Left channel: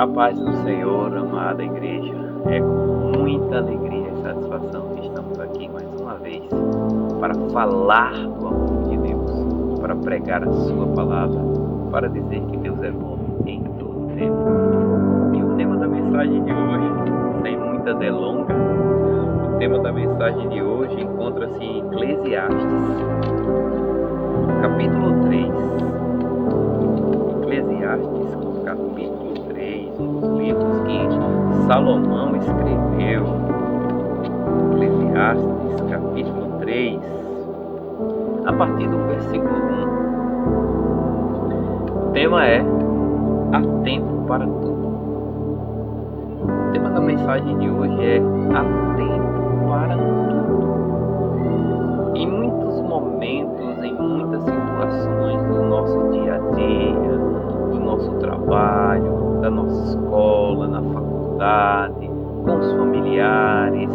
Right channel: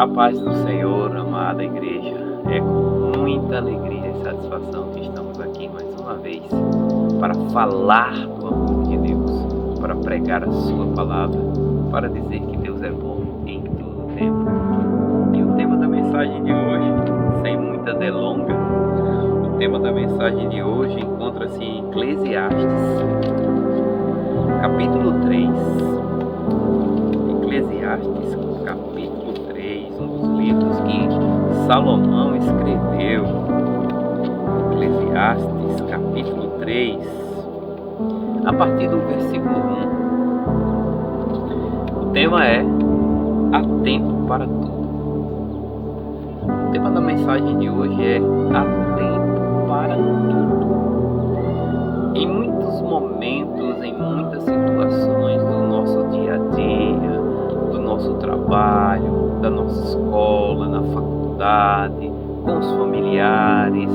A paz do Senhor, amada igreja, é com muita alegria e satisfação que estamos aqui mais uma vez para falar do amor de Deus, para pregar a sua palavra, para dizer que Deus é bom em todo tempo. E o tema da mensagem de hoje, sem muita delonga, o tema da mensagem de hoje encontra-se em Eclesiastes, capítulo 3. Eclesiastes, capítulo 3, um dos livros que Salomão escreveu. Eclesiastes, capítulo 3, a partir do versículo 1. O tema é: há tempo para tudo. O tema da mensagem de hoje é: há tempo para tudo. Em muitos momentos, em muitas situações do nosso dia a dia, do nosso trabalho, da nossa escola, na faculdade, com os familiares,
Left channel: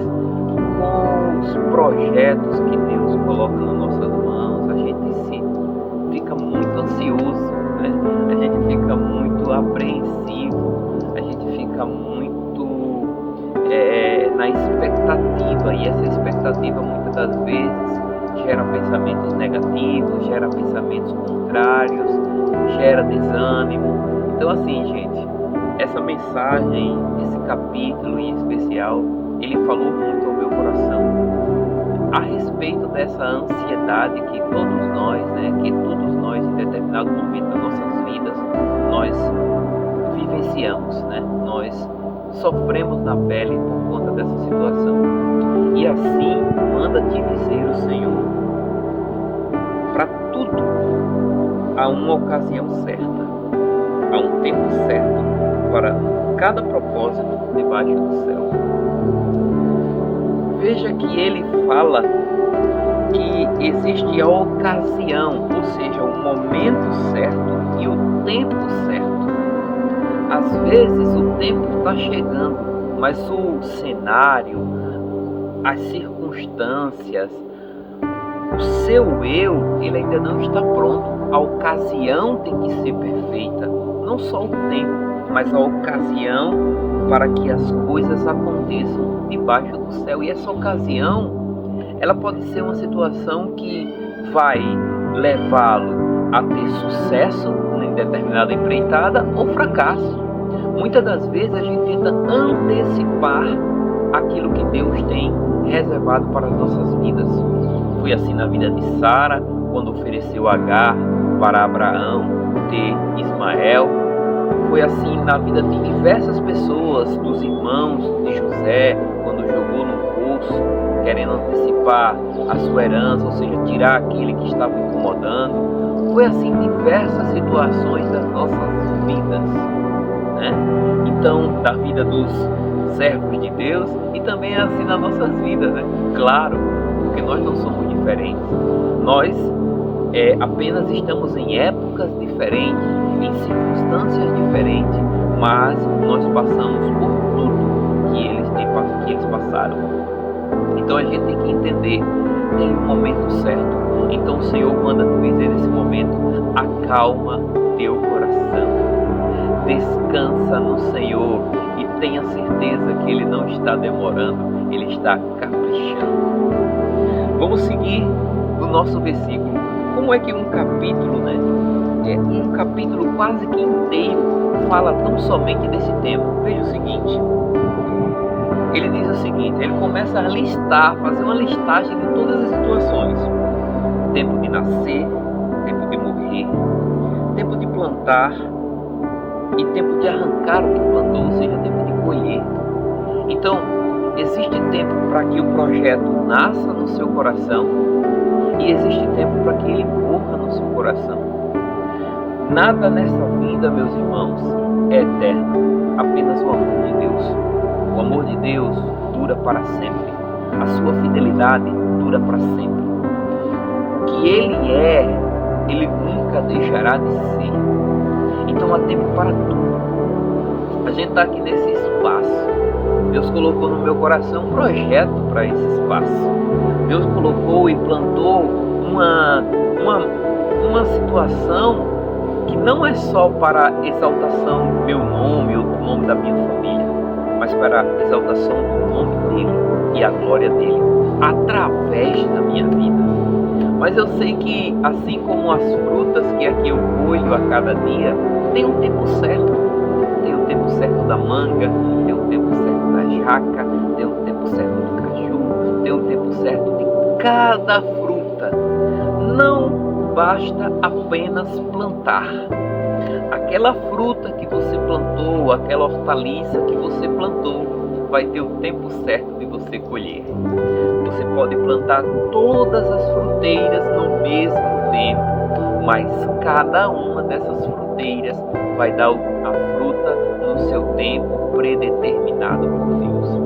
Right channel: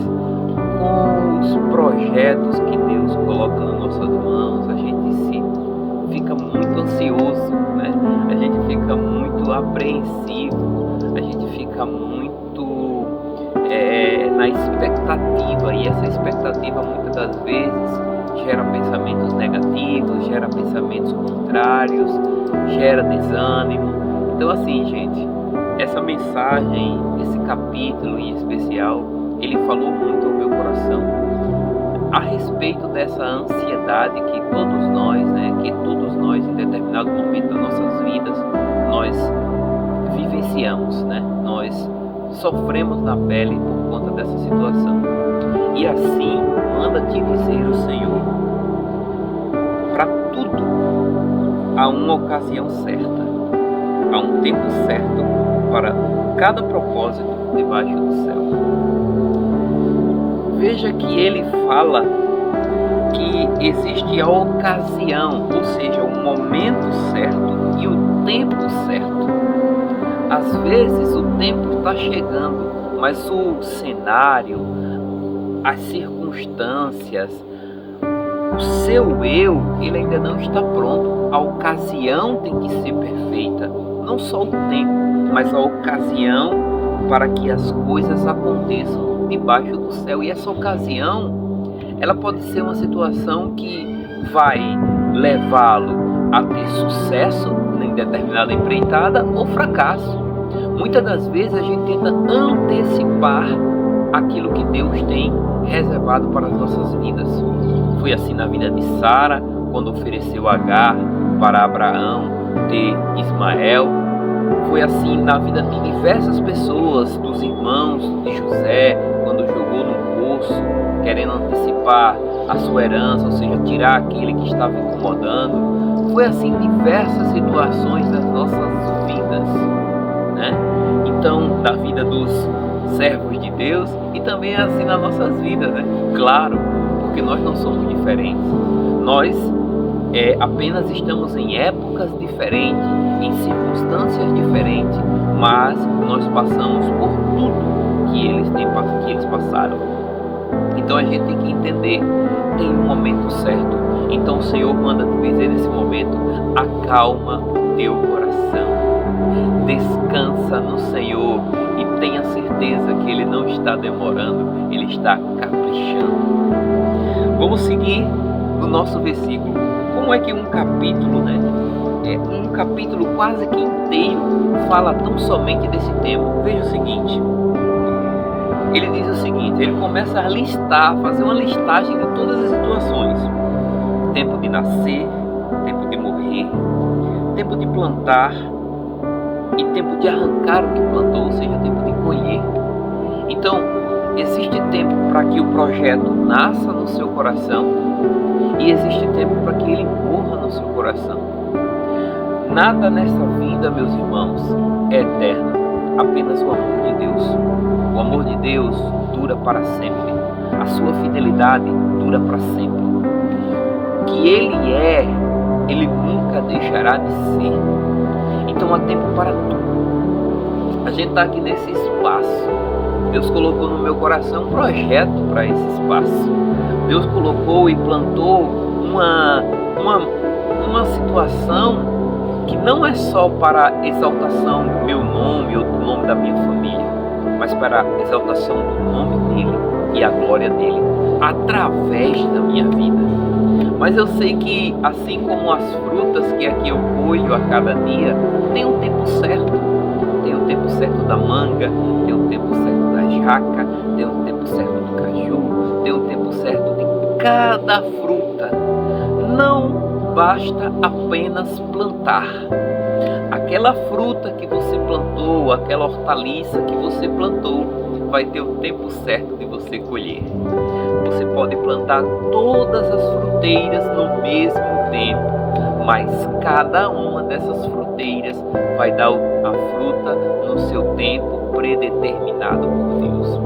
com os projetos que Deus coloca nas nossas mãos, a gente fica muito ansioso, né? A gente fica muito apreensivo, a gente fica muito na expectativa, e essa expectativa muitas das vezes gera pensamentos negativos, gera pensamentos contrários, gera desânimo. Então assim, gente, essa mensagem, esse capítulo em especial, ele falou muito ao meu coração a respeito dessa ansiedade que todos nós em determinado momento das nossas vidas nós vivenciamos, né? Nós sofremos na pele por conta dessa situação. E assim manda te dizer o Senhor: para tudo há uma ocasião certa, há um tempo certo para cada propósito debaixo do céu. Veja que ele fala que existe a ocasião, ou seja, o momento certo e o tempo certo. Às vezes o tempo está chegando, mas o cenário, as circunstâncias, o seu eu, ele ainda não está pronto. A ocasião tem que ser perfeita, não só o tempo, mas a ocasião para que as coisas aconteçam debaixo do céu. E essa ocasião, ela pode ser uma situação que vai levá-lo a ter sucesso em determinada empreitada ou fracasso. Muitas das vezes a gente tenta antecipar aquilo que Deus tem reservado para as nossas vidas. Foi assim na vida de Sara, quando ofereceu Agar para Abraão ter Ismael. Foi assim na vida de diversas pessoas, dos irmãos de José, quando jogou no poço, querendo antecipar a sua herança, ou seja, tirar aquele que estava incomodando. Foi assim em diversas situações das nossas vidas, né? Então, da vida dos servos de Deus, e também é assim nas nossas vidas, né? Claro, porque nós não somos diferentes. Nós apenas estamos em épocas diferentes, em circunstâncias diferentes, mas nós passamos por tudo que eles passaram. Então a gente tem que entender, tem um momento certo. Então o Senhor manda te dizer nesse momento: acalma o teu coração, descansa no Senhor e tenha certeza que Ele não está demorando, Ele está caprichando. Vamos seguir no nosso versículo. Como é que um capítulo, um capítulo quase que inteiro fala tão somente desse tema? Veja o seguinte, ele diz o seguinte, ele começa a listar, fazer uma listagem de todas as situações: tempo de nascer, tempo de morrer, tempo de plantar e tempo de arrancar o que plantou, ou seja, tempo de colher. Então, existe tempo para que o projeto nasça no seu coração e existe tempo para que ele morra no seu coração. Nada nessa vida, meus irmãos, é eterno, apenas o amor de Deus. O amor de Deus dura para sempre, a sua fidelidade dura para sempre. O que Ele é, Ele nunca deixará de ser. Então há tempo para tudo. A gente está aqui nesse espaço. Deus colocou no meu coração um projeto para esse espaço. Deus colocou e plantou uma situação que não é só para exaltação do meu nome ou do nome da minha família, mas para a exaltação do nome dele e a glória dele, através da minha vida. Mas eu sei que, assim como as frutas que aqui eu colho a cada dia, tem um tempo certo. Tem o tempo certo da manga, tem o tempo certo da jaca, tem o tempo certo do caju, tem o tempo certo de cada fruta. Não basta apenas plantar. Aquela fruta que você plantou, aquela hortaliça que você plantou, vai ter o tempo certo de você colher. Você pode plantar todas as fruteiras no mesmo tempo, mas cada uma dessas fruteiras vai dar a fruta no seu tempo predeterminado por Deus.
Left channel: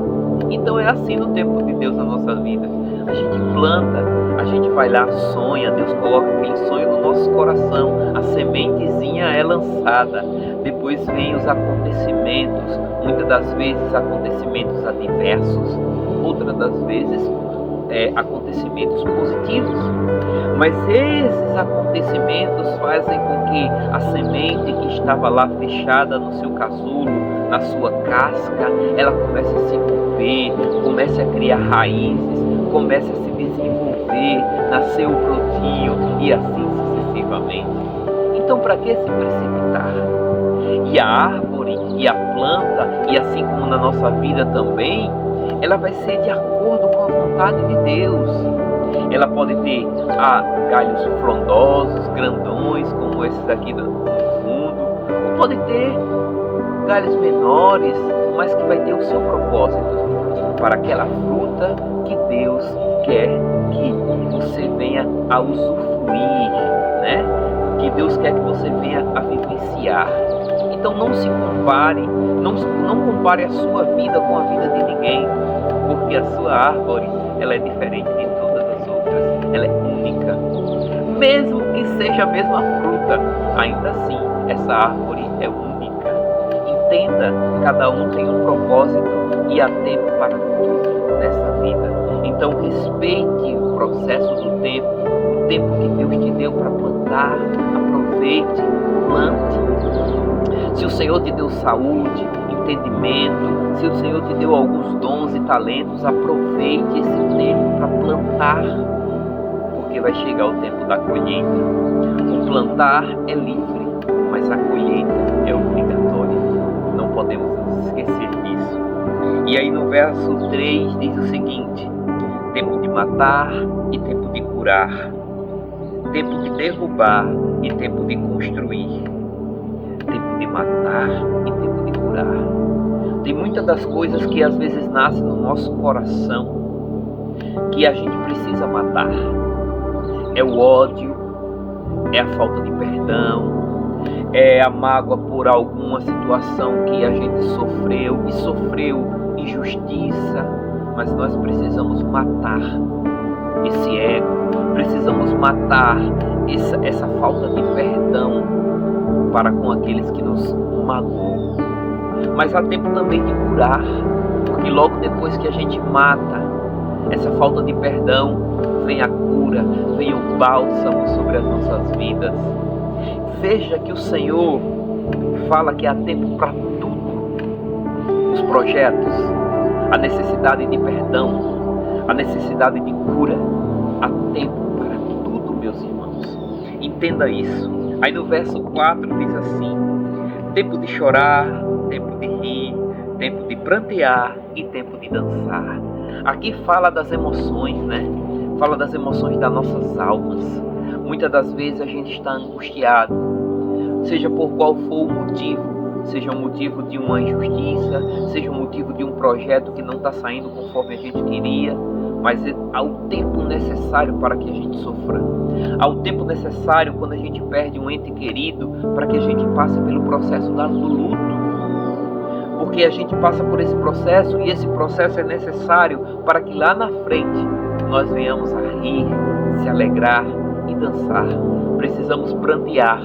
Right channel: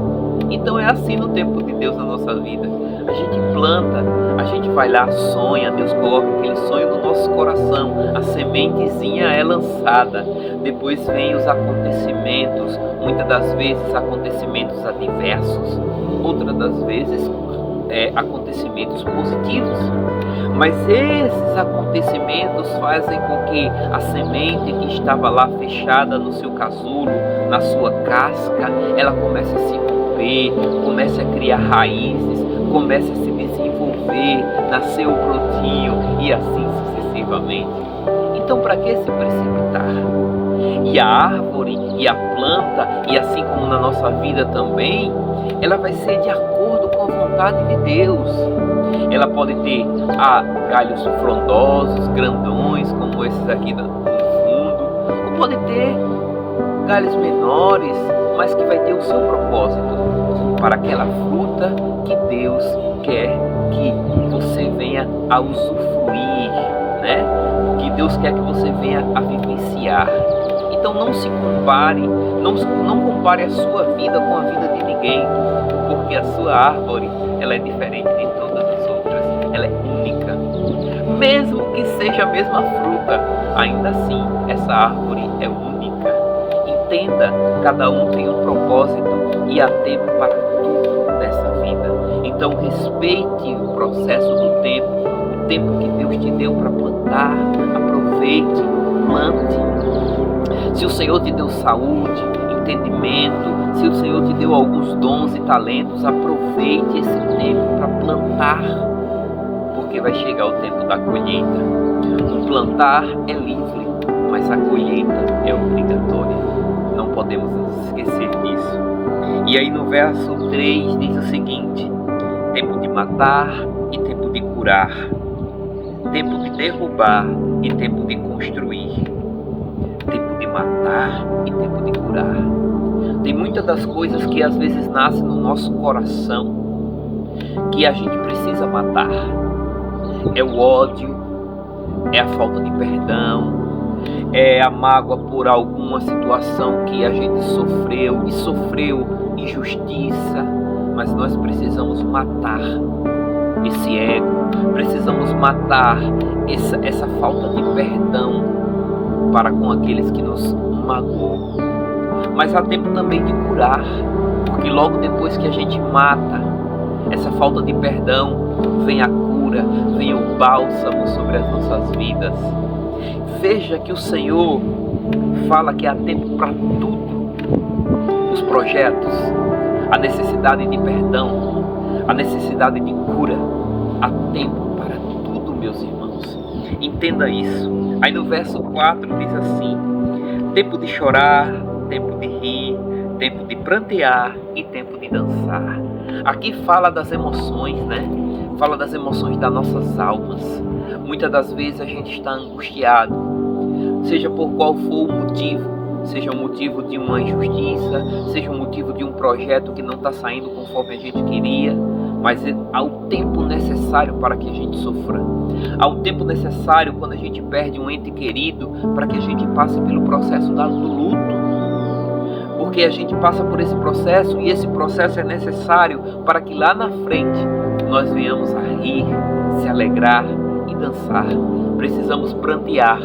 Então é assim no tempo de Deus na nossa vida. A gente planta, a gente vai lá, sonha, Deus coloca aquele sonho no nosso coração, a sementezinha é lançada, depois vem os acontecimentos, muitas das vezes acontecimentos adversos, outras das vezes acontecimentos positivos. Mas esses acontecimentos fazem com que a semente que estava lá fechada no seu casulo, na sua casca, ela comece a se romper, comece a criar raízes, comece a se desenvolver, nascer o brotinho e assim sucessivamente. Então, para que se precipitar? E a árvore e a planta, e assim como na nossa vida também, ela vai ser de acordo com a vontade de Deus. Ela pode ter galhos frondosos, grandões, como esses aqui no fundo, ou pode ter galhos menores, mas que vai ter o seu propósito para aquela fruta que Deus quer que você venha a usufruir, né? Que Deus quer que você venha a vivenciar. Então não se compare, não compare a sua vida com a vida de ninguém, porque a sua árvore, ela é diferente de todas as outras, ela é única. Mesmo que seja a mesma fruta, ainda assim, essa árvore é única. Entenda, cada um tem um propósito e há tempo para tudo nessa vida. Então respeite o processo do tempo, o tempo que Deus te deu para plantar, aproveite, plante. Se o Senhor te deu saúde, entendimento, se o Senhor te deu alguns dons e talentos, aproveite esse tempo para plantar, porque vai chegar o tempo da colheita. O plantar é livre, mas a colheita é obrigatória. Não podemos nos esquecer disso. E aí no verso 3 diz o seguinte: tempo de matar e tempo de curar, tempo de derrubar e tempo de construir, tempo de matar e tempo de curar. Tem muitas das coisas que às vezes nascem no nosso coração que a gente precisa matar. É o ódio, é a falta de perdão, é a mágoa por alguma situação que a gente sofreu e sofreu injustiça, mas nós precisamos matar esse ego, precisamos matar essa falta de perdão para com aqueles que nos magoou. Mas há tempo também de curar, porque logo depois que a gente mata essa falta de perdão, vem a cura, vem o bálsamo sobre as nossas vidas. Veja que o Senhor fala que há tempo para tudo. Os projetos, a necessidade de perdão, a necessidade de cura, há tempo para tudo, meus irmãos. Entenda isso. Aí no verso 4 diz assim: tempo de chorar, tempo de rir, tempo de prantear e tempo de dançar. Aqui fala das emoções, né? Fala das emoções das nossas almas. Muitas das vezes a gente está angustiado, seja por qual for o motivo, seja o motivo de uma injustiça, seja o motivo de um projeto que não está saindo conforme a gente queria, mas há o tempo necessário para que a gente sofra. Há o tempo necessário quando a gente perde um ente querido para que a gente passe pelo processo do luto. Porque a gente passa por esse processo e esse processo é necessário para que lá na frente nós venhamos a rir, se alegrar e dançar. Precisamos prantear,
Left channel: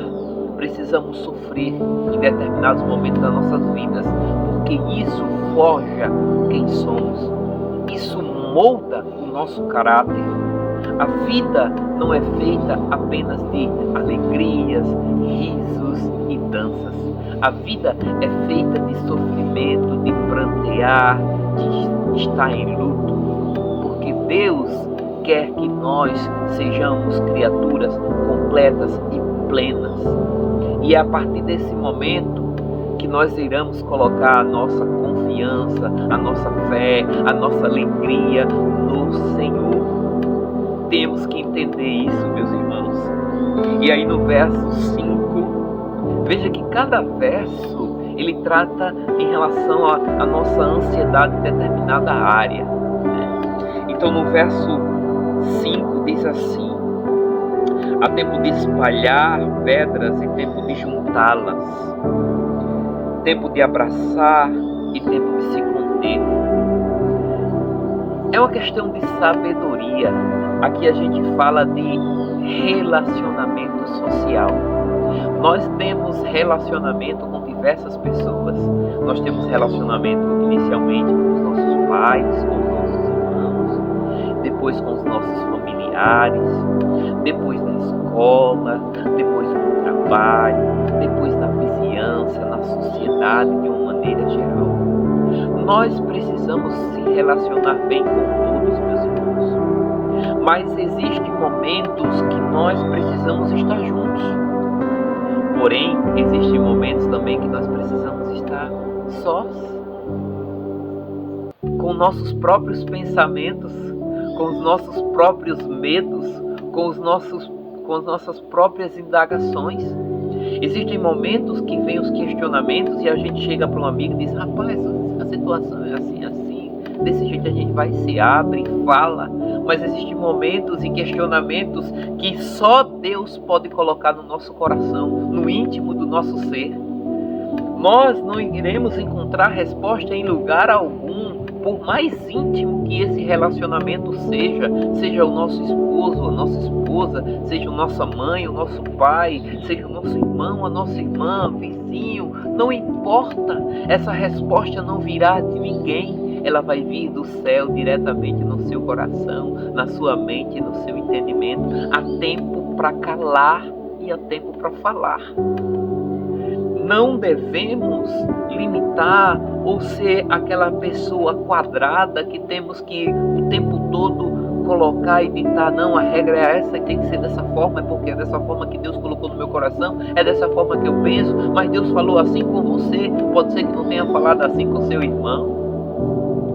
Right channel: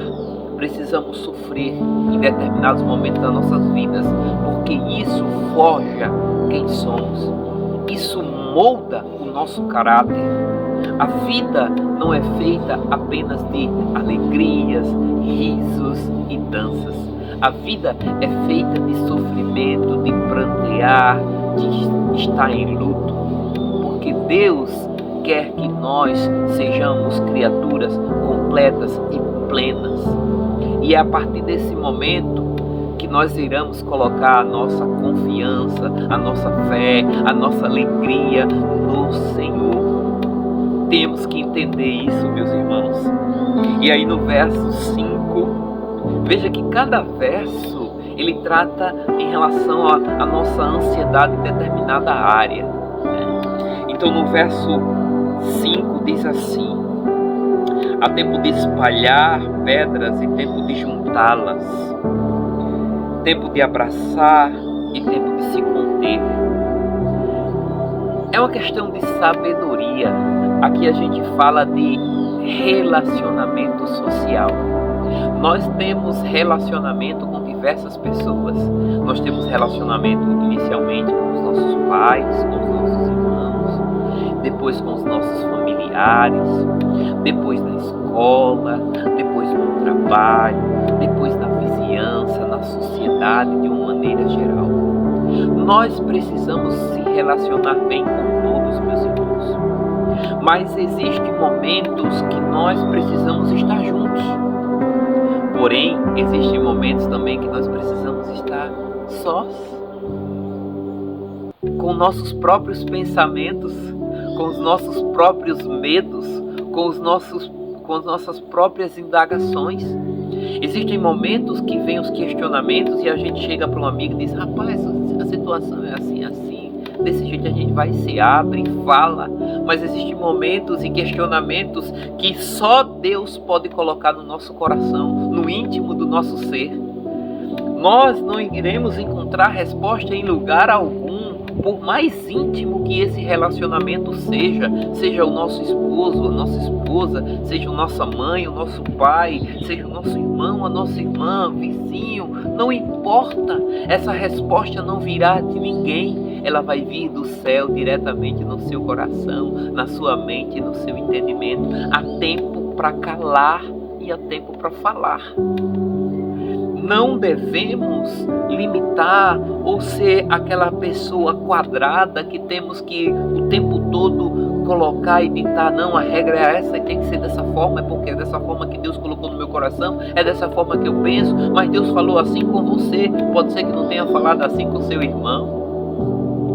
precisamos sofrer em determinados momentos das nossas vidas, porque isso forja quem somos, isso molda o nosso caráter. A vida não é feita apenas de alegrias, risos, mudanças. A vida é feita de sofrimento, de prantear, de estar em luto, porque Deus quer que nós sejamos criaturas completas e plenas. E é a partir desse momento que nós iremos colocar a nossa confiança, a nossa fé, a nossa alegria no Senhor. Temos que entender isso, meus irmãos. E aí no verso 5, veja que cada verso ele trata em relação à nossa ansiedade em determinada área, né? Então no verso 5 diz assim: há tempo de espalhar pedras e tempo de juntá-las, tempo de abraçar e tempo de se conter. É uma questão de sabedoria. Aqui a gente fala de relacionamento social. Nós temos relacionamento com diversas pessoas. Nós temos relacionamento inicialmente com os nossos pais, com os nossos irmãos, depois com os nossos familiares, depois na escola, depois no trabalho, depois na vizinhança, na sociedade de uma maneira geral. Nós precisamos se relacionar bem com todos, meus irmãos. Mas existem momentos que nós precisamos estar juntos. Porém, existem momentos também que nós precisamos estar sós, com nossos próprios pensamentos, com os nossos próprios medos, com as nossas próprias indagações. Existem momentos que vêm os questionamentos e a gente chega para um amigo e diz: rapaz, a situação é assim, assim, desse jeito a gente vai, se abre e fala. Mas existem momentos e questionamentos que só Deus pode colocar no nosso coração, no íntimo do nosso ser. Nós não iremos encontrar resposta em lugar algum, por mais íntimo que esse relacionamento seja o nosso esposo, a nossa esposa, seja a nossa mãe, o nosso pai, seja o nosso irmão, a nossa irmã, vizinho, não importa, essa resposta não virá de ninguém. Ela vai vir do céu diretamente no seu coração, na sua mente, no seu entendimento. Há tempo para calar e há tempo para falar. Não devemos limitar ou ser aquela pessoa quadrada que temos que o tempo todo colocar e ditar: não, a regra é essa e tem que ser dessa forma, é porque é dessa forma que Deus colocou no meu coração, é dessa forma que eu penso, mas Deus falou assim com você, pode ser que não tenha falado assim com seu irmão.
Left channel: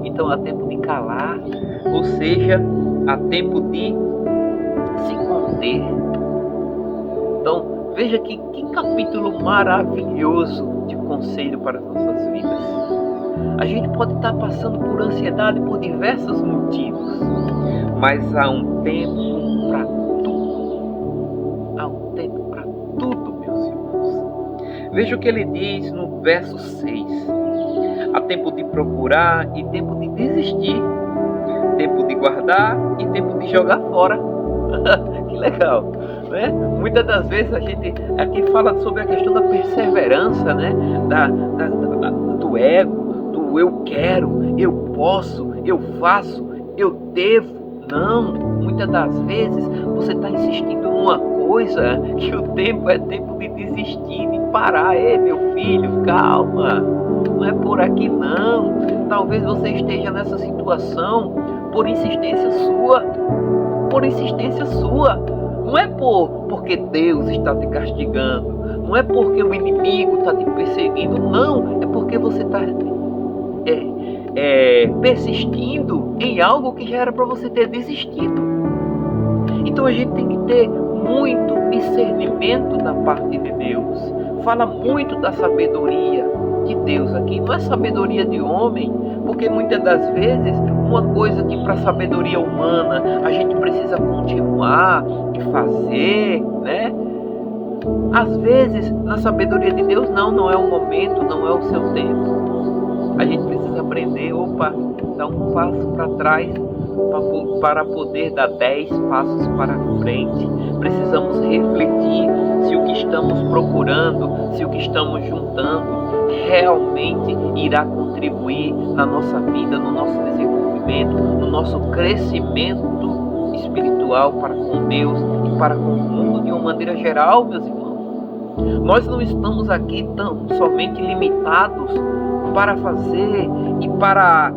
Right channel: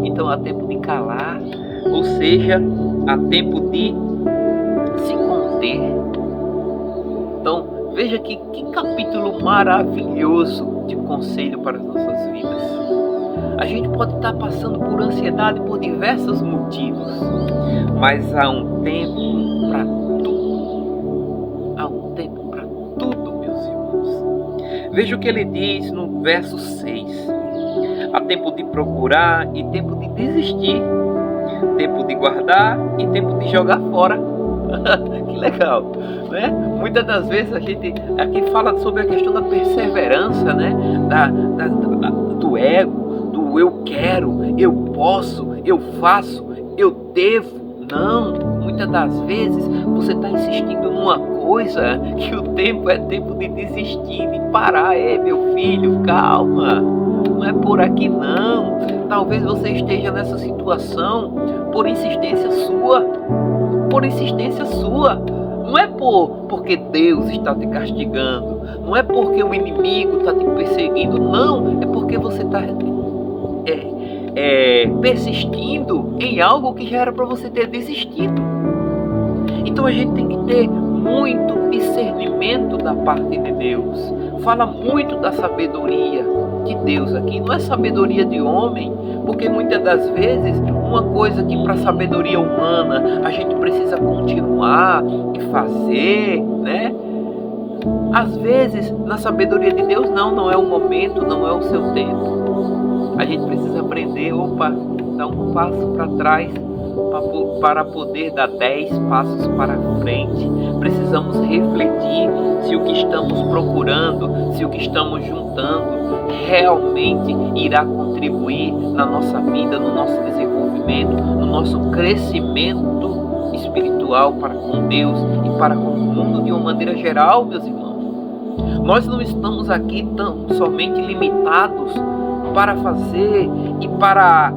Então há tempo de calar, ou seja, há tempo de se conter. Então, veja que capítulo maravilhoso de conselho para as nossas vidas. A gente pode estar passando por ansiedade por diversos motivos, mas há um tempo para tudo. Há um tempo para tudo, meus irmãos. Veja o que ele diz no verso 6. Há tempo de procurar e tempo de desistir, tempo de guardar e tempo de jogar fora. Que legal, né? Muitas das vezes a gente aqui fala sobre a questão da perseverança, né? Do ego, do eu quero, eu posso, eu faço, eu devo. Não, muitas das vezes você está insistindo numa coisa que o tempo é tempo de desistir, de parar. Ei, meu filho, calma, não é por aqui não. Talvez você esteja nessa situação por insistência sua. Não é porque Deus está te castigando, não é porque o inimigo está te perseguindo, não, é porque você está persistindo em algo que já era para você ter desistido. Então a gente tem que ter muito discernimento da parte de Deus. Fala muito da sabedoria de Deus aqui, não é sabedoria de homem, porque muitas das vezes uma coisa que para a sabedoria humana a gente precisa continuar e fazer, né? Às vezes na sabedoria de Deus não é o momento, não é o seu tempo. A gente precisa aprender, dar um passo para trás para poder dar 10 passos para frente. Precisamos refletir se o que estamos procurando, se o que estamos juntando realmente irá contribuir na nossa vida, no nosso desenvolvimento, no nosso crescimento espiritual para com Deus e para com o mundo de uma maneira geral, meus irmãos. Nós não estamos aqui tão somente limitados para fazer e para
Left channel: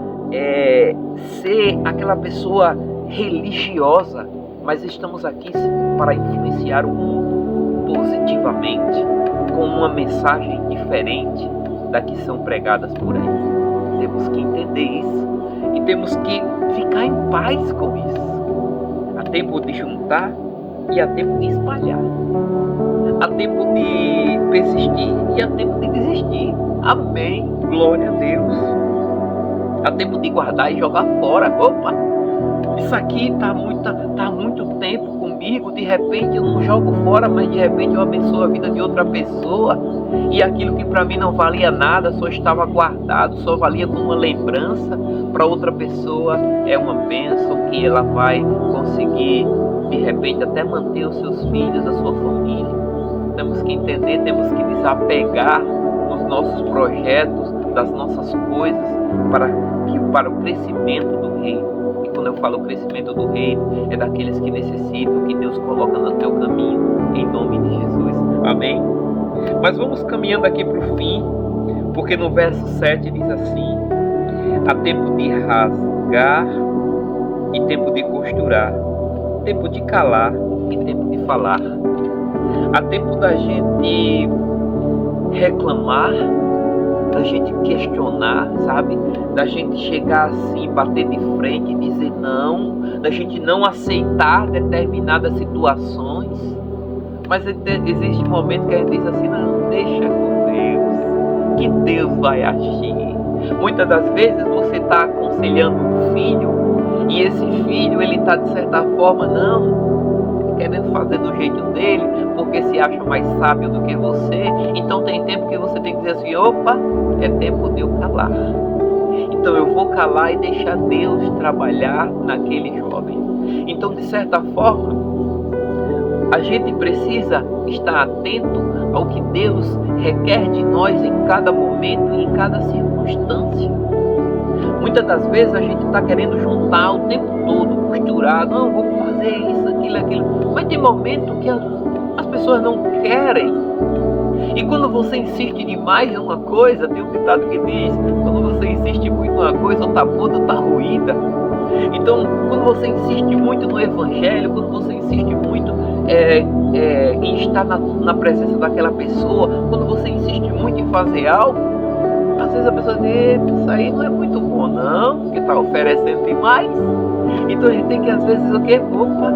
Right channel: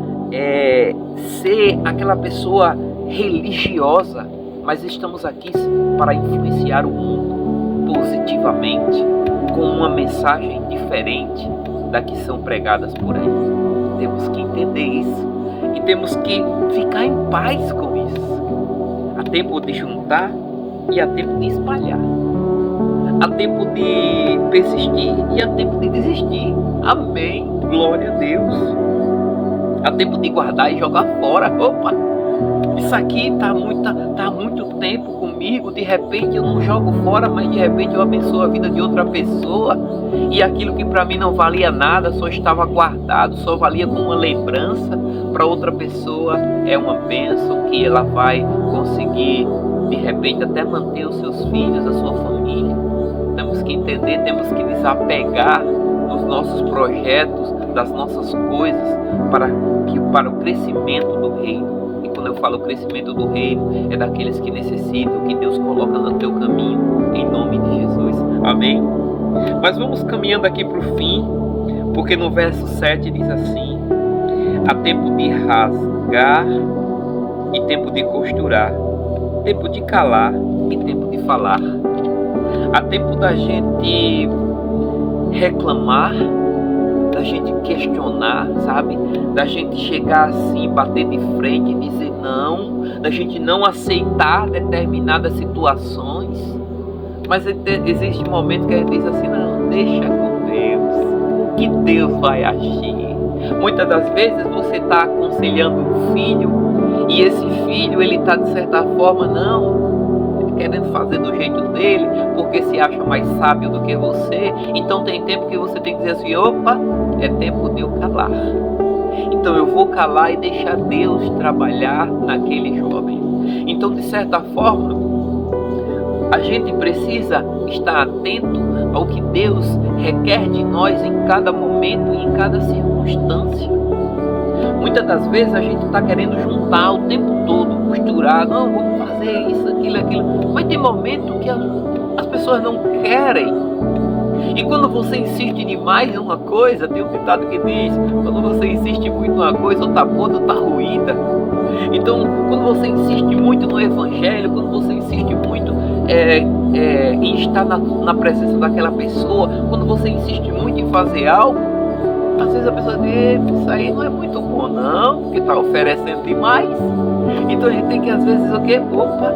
ser aquela pessoa religiosa, mas estamos aqui para influenciar o mundo positivamente, com uma mensagem diferente da que são pregadas por aí. Temos que entender isso e temos que ficar em paz com isso. Há tempo de juntar e há tempo de espalhar. Há tempo de persistir e há tempo de desistir. Amém. Glória a Deus. Há tempo de guardar e jogar fora. Opa! Isso aqui tá há muito tempo comigo. De repente eu não jogo fora, mas de repente eu abençoo a vida de outra pessoa. E aquilo que para mim não valia nada, só estava guardado, só valia como uma lembrança, para outra pessoa é uma bênção que ela vai conseguir, de repente, até manter os seus filhos, a sua família. Temos que entender, temos que desapegar nos nossos projetos, das nossas coisas, para o crescimento do reino. E quando eu falo crescimento do reino, é daqueles que necessitam, que Deus coloca no teu caminho, em nome de Jesus. Amém? Mas vamos caminhando aqui para o fim, porque no verso 7 diz assim: há tempo de rasgar e tempo de costurar, tempo de calar e tempo de falar. Há tempo da gente reclamar, da gente questionar, sabe? Da gente chegar assim, bater de frente e dizer não, da gente não aceitar determinadas situações. Mas existe um momento que a gente diz assim: não, deixa com Deus, que Deus vai agir. Muitas das vezes você está aconselhando um filho e esse filho, ele está de certa forma, querendo fazer do jeito dele, porque se acha mais sábio do que você. Então tem tempo que você tem que dizer assim: opa, é tempo de eu calar. Então eu vou calar e deixar Deus trabalhar naquele jovem. Então, de certa forma, a gente precisa estar atento ao que Deus requer de nós em cada momento e em cada circunstância. Muitas das vezes a gente está querendo juntar o tempo todo, costurar, não, vamos fazer isso, aquilo. Mas tem momento que as pessoas não querem. E quando você insiste demais em uma coisa, tem um ditado que diz: quando você insiste muito em uma coisa, ou está podre ou está ruída. Então, quando você insiste muito no evangelho, quando você insiste muito em estar na presença daquela pessoa, quando você insiste muito em fazer algo, às vezes a pessoa diz: isso aí não é muito bom não, porque está oferecendo demais. Então a gente tem que, às vezes, o quê? Opa,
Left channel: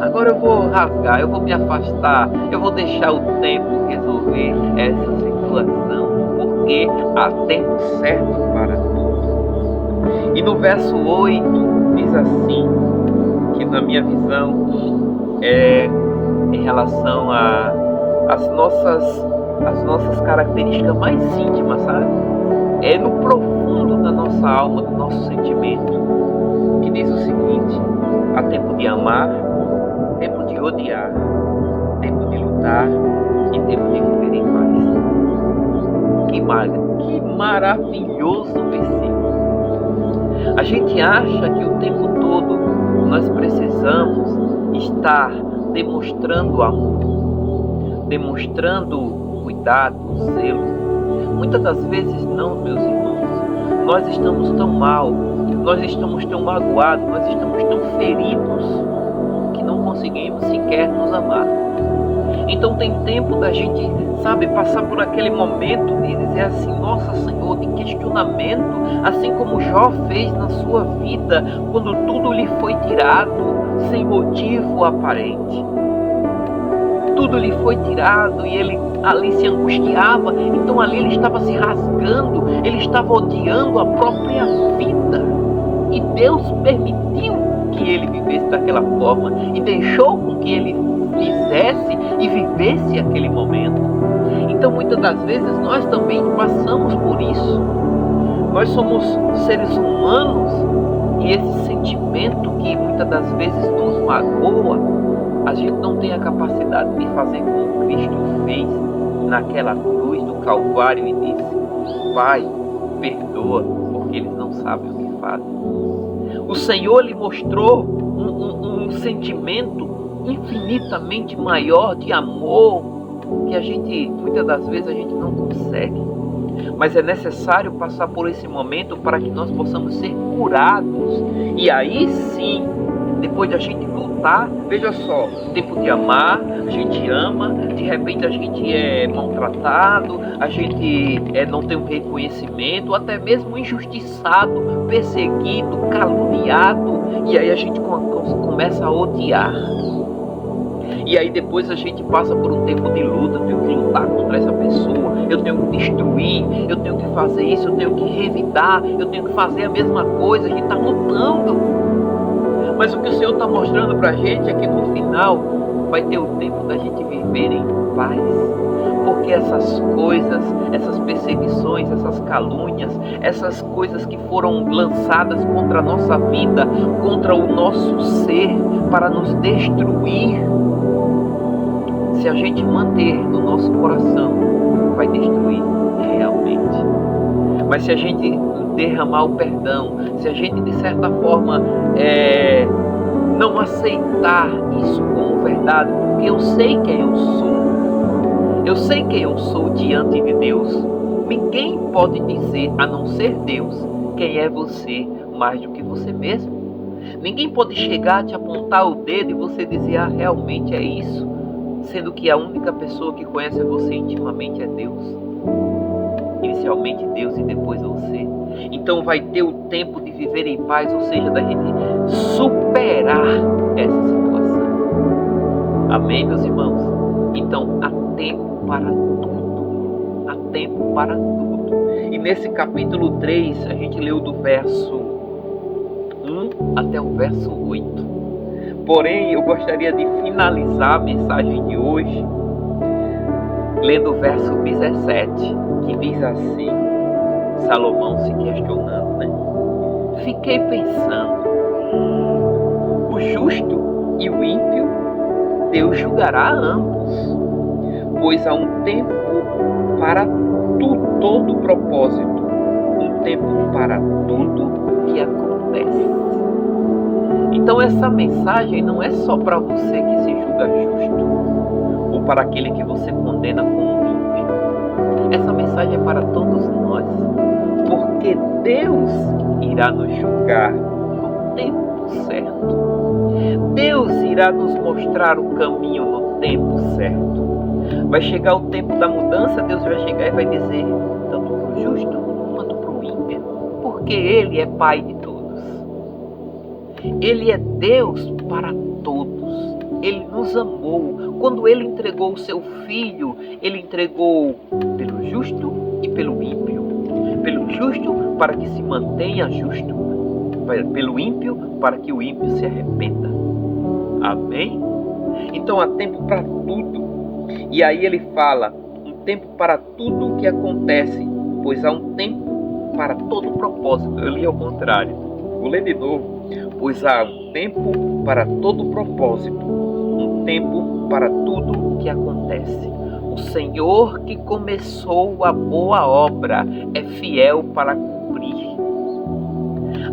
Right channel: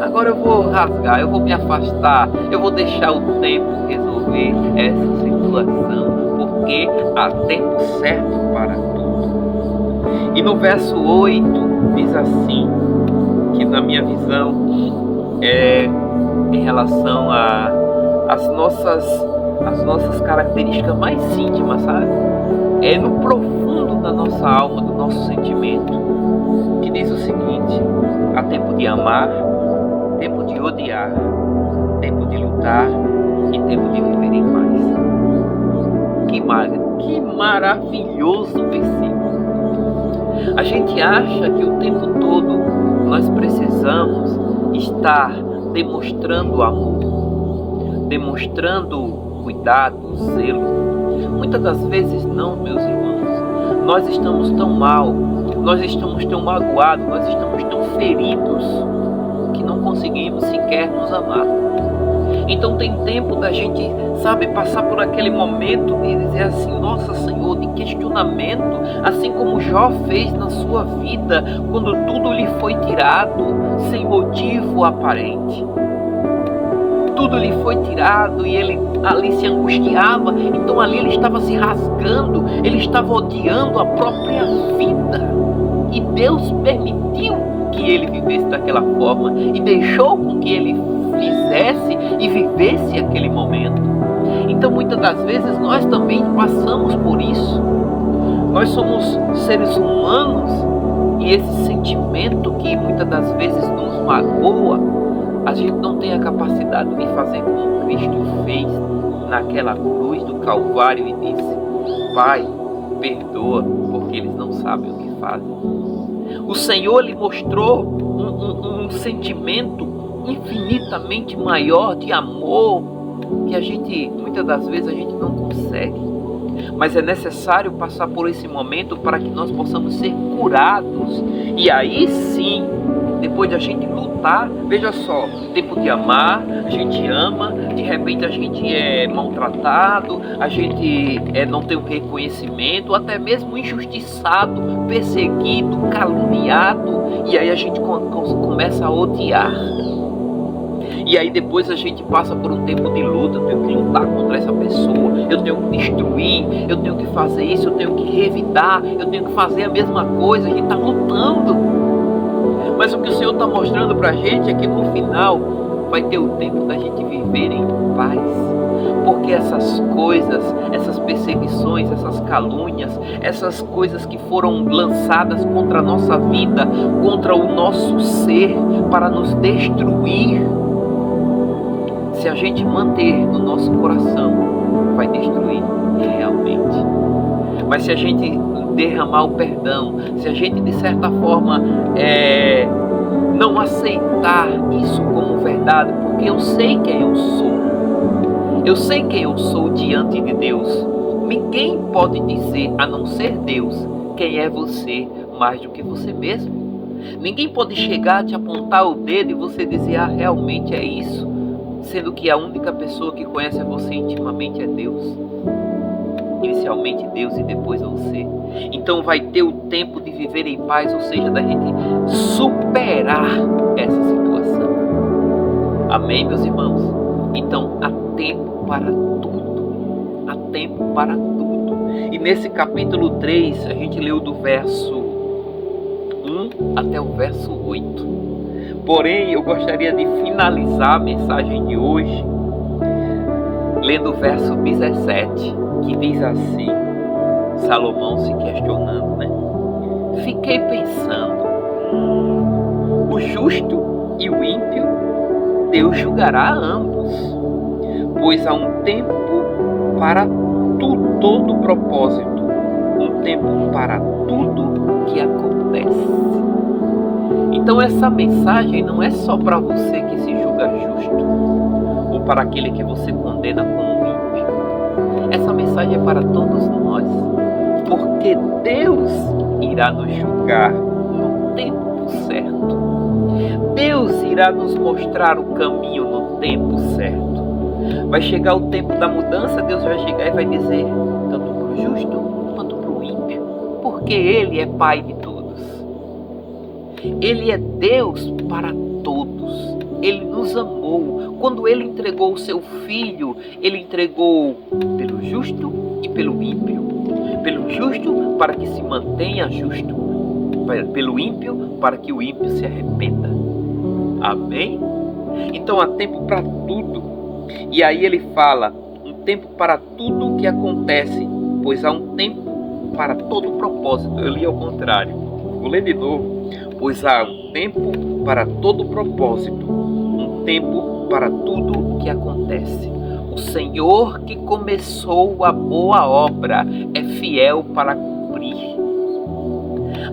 agora eu vou rasgar, eu vou me afastar, eu vou deixar o tempo resolver essa situação, porque há tempo certo para tudo. E no verso 8 diz assim, que na minha visão é em relação às nossas características mais íntimas, sabe? É no profundo da nossa alma, do nosso sentimento, que diz o seguinte: há tempo de amar, tempo de odiar, tempo de lutar e tempo de viver em paz. Que maravilhoso versículo. A gente acha que o tempo todo nós precisamos estar demonstrando amor, demonstrando cuidado, zelo. Muitas das vezes não, meus irmãos. Nós estamos tão mal, nós estamos tão magoados, nós estamos tão feridos que não conseguimos sequer nos amar. Então tem tempo da gente, passar por aquele momento de dizer assim: nossa, Senhor, de questionamento, assim como Jó fez na sua vida, quando tudo lhe foi tirado sem motivo aparente. Tudo lhe foi tirado e ele ali se angustiava. Então ali ele estava se rasgando, ele estava odiando a própria vida. E Deus permitiu que ele vivesse daquela forma e deixou com que ele fizesse e vivesse aquele momento. Então muitas das vezes nós também passamos por isso. Nós somos seres humanos e esse sentimento que muitas das vezes nos magoa, a gente não tem a capacidade de fazer como Cristo fez naquela cruz do Calvário e disse: Pai, perdoa, porque eles não sabem o que fazem. O Senhor lhe mostrou um sentimento infinitamente maior de amor, que a gente, muitas das vezes, a gente não consegue. Mas é necessário passar por esse momento para que nós possamos ser curados. E aí sim, depois de a gente lutar, veja só, tempo de amar, a gente ama, de repente a gente é maltratado, a gente não tem um reconhecimento, até mesmo injustiçado, perseguido, caluniado, e aí a gente começa a odiar. E aí depois a gente passa por um tempo de luta, eu tenho que lutar contra essa pessoa, eu tenho que destruir, eu tenho que fazer isso, eu tenho que revidar, eu tenho que fazer a mesma coisa, a gente está lutando. Mas o que o Senhor está mostrando para a gente é que no final vai ter o tempo da gente viver em paz. Porque essas coisas, essas perseguições, essas calúnias, essas coisas que foram lançadas contra a nossa vida, contra o nosso ser, para nos destruir, se a gente manter no nosso coração, vai destruir realmente. Mas se a gente derramar o perdão, se a gente de certa forma não aceitar isso como verdade, porque eu sei quem eu sou, eu sei quem eu sou diante de Deus. Ninguém pode dizer, a não ser Deus, quem é você mais do que você mesmo. Ninguém pode chegar a te apontar o dedo e você dizer, realmente é isso, sendo que a única pessoa que conhece você intimamente é Deus. Inicialmente Deus e depois você. Então vai ter o tempo de viver em paz, ou seja, da gente superar essa situação. Amém, meus irmãos? Então há tempo para tudo. Há tempo para tudo. E nesse capítulo 3, a gente leu do verso 1 até o verso 8. Porém, eu gostaria de finalizar a mensagem de hoje lendo o verso 17, que diz assim, Salomão se questionando, né? Fiquei pensando, o justo e o ímpio, Deus julgará ambos, pois há um tempo para todo propósito, um tempo para tudo que acontece. Então essa mensagem não é só para você que se julga justo, ou para aquele que você condena como ímpio. Essa mensagem é para todos nós, porque Deus irá nos julgar no tempo certo. Deus irá nos mostrar o caminho no tempo certo. Vai chegar o tempo da mudança, Deus vai chegar e vai dizer, tanto para o justo quanto para o ímpio, porque Ele é Pai de todos. Ele é Deus para todos. Ele nos amou. Quando Ele entregou o seu Filho, Ele entregou pelo justo e pelo ímpio. Pelo justo para que se mantenha justo. Pelo ímpio para que o ímpio se arrependa. Amém? Então há tempo para tudo. E aí ele fala, um tempo para tudo o que acontece, pois há um tempo para todo propósito. Eu li ao contrário. Vou ler de novo. Pois há um tempo para todo propósito, um tempo para tudo o que acontece. O Senhor que começou a boa obra é fiel para cumprir.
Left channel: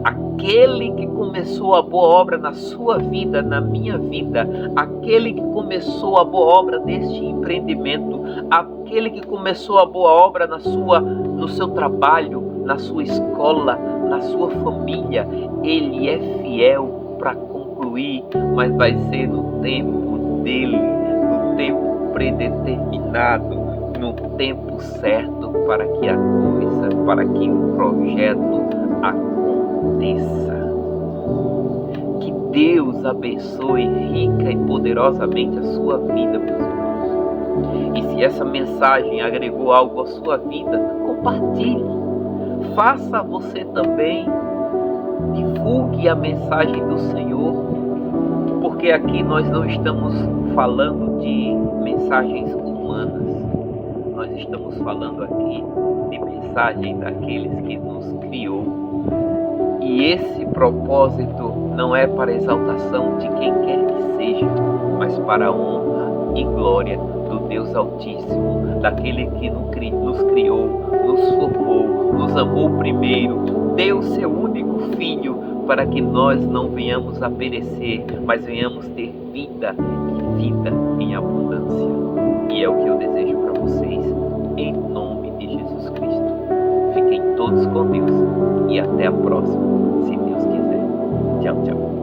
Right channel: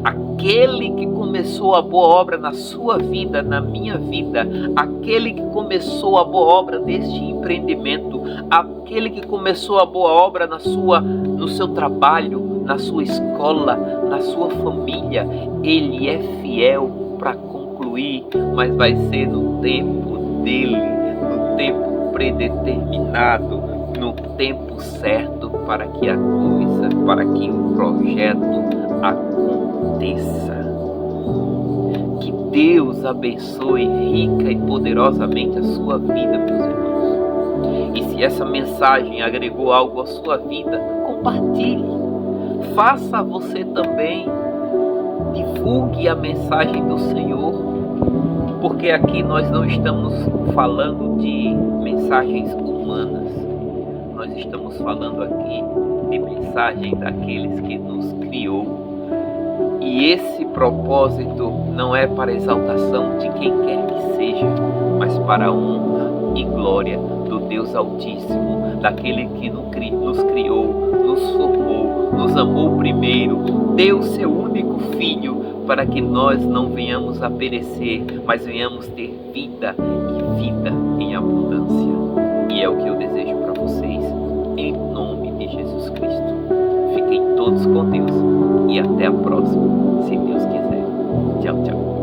Aquele que começou a boa obra na sua vida, na minha vida, aquele que começou a boa obra neste empreendimento, aquele que começou a boa obra no seu trabalho, na sua escola, na sua família, Ele é fiel para concluir, mas vai ser no tempo dele, no tempo predeterminado, no tempo certo para que a coisa, para que o projeto aconteça. Que Deus abençoe rica e poderosamente a sua vida, meus irmãos. E se essa mensagem agregou algo à sua vida, compartilhe. Faça você também, divulgue a mensagem do Senhor, porque aqui nós não estamos falando de mensagens humanas, nós estamos falando aqui de mensagem daqueles que nos criou. E esse propósito não é para a exaltação de quem quer que seja, mas para a honra e glória do Deus Altíssimo, daquele que nos criou, nos formou, nos amou primeiro, deu seu único Filho para que nós não venhamos a perecer, mas venhamos ter vida e vida em abundância. E é o que eu desejo para vocês, em nome de Jesus Cristo. Fiquem todos com Deus e até a próxima, se Deus quiser. Tchau, tchau.